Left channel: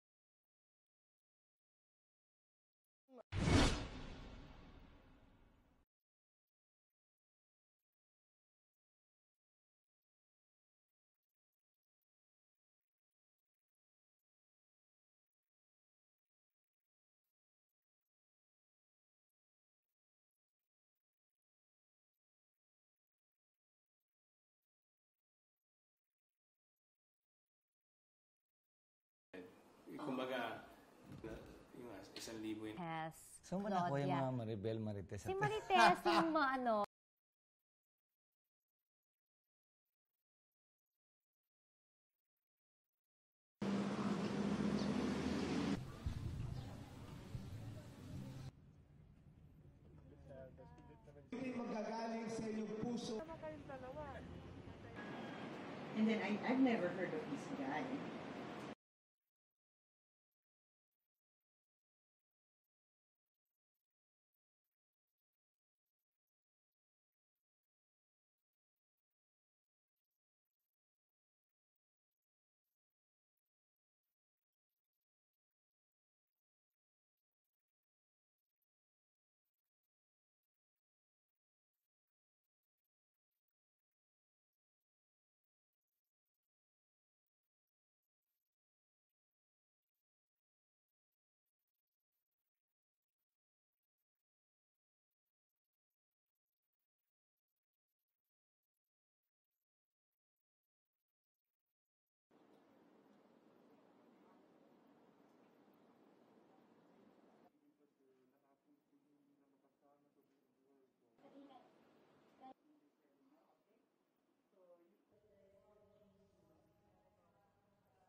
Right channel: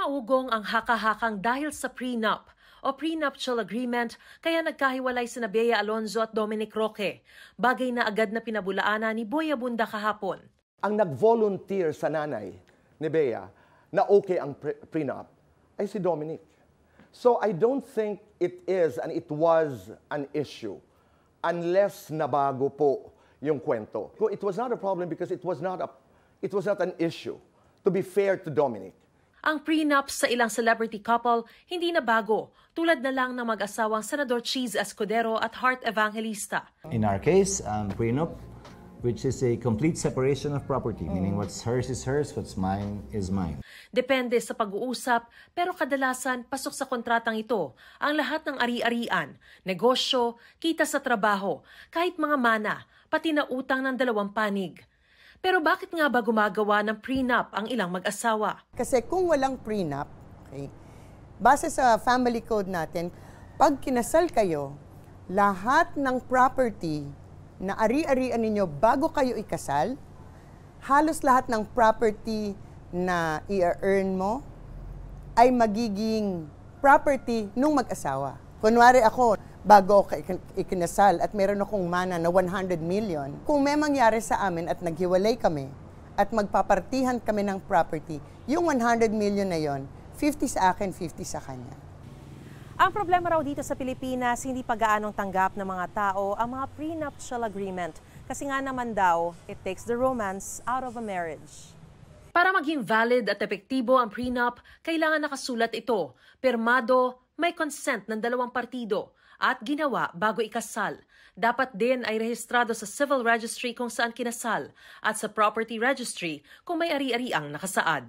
Umaugong ang haka-hakang dahil sa prenup o prenuptial agreement kaya nagkahiwalay sina Bea Alonzo at Dominic Roque. Bagay na agad na pinabulaanan ni Boy Abunda kahapon. Ang nag-volunteer sa nanay ni Bea na okay ang prenup ay si Dominic. So I don't think it is and it was an issue unless nabago po yung kwento. It was not a problem because it was not an issue, to be fair to Dominic. Ang prenup sa ilang celebrity couple hindi na bago, tulad na lang ng mag-asawang Senador Cheese Escudero at Heart Evangelista. In our case, prenup, which is a complete separation of property, meaning what's hers is hers, what's mine is mine. Depende sa pag-uusap, pero kadalasan pasok sa kontratang ito ang lahat ng ari-arian, negosyo, kita sa trabaho, kahit mga mana, pati na utang ng dalawang panig. Pero bakit nga ba gumagawa ng prenup ang ilang mag-asawa? Kasi kung walang prenup, okay, base sa family code natin, pag kinasal kayo, lahat ng property na ari-arian ninyo bago kayo ikasal, halos lahat ng property na i-earn mo ay magiging property nung mag-asawa. Kunwari ako, bago ako ikinasal at meron akong mana na 100 million, kung may mangyari sa amin at naghiwalay kami at magpapartihan kami ng property, yung 100 million na yon, 50 sa akin, 50 sa kanya. Ang problema raw dito sa Pilipinas, hindi pa gaanong tanggap ng mga tao ang mga prenuptial agreement. Kasi nga naman daw, it takes the romance out of a marriage. Para maging valid at epektibo ang prenup, kailangan nakasulat ito, pirmado, may consent ng dalawang partido, at ginawa bago ikasal. Dapat din ay rehistrado sa civil registry kung saan kinasal at sa property registry kung may ari-ariang nakasaad.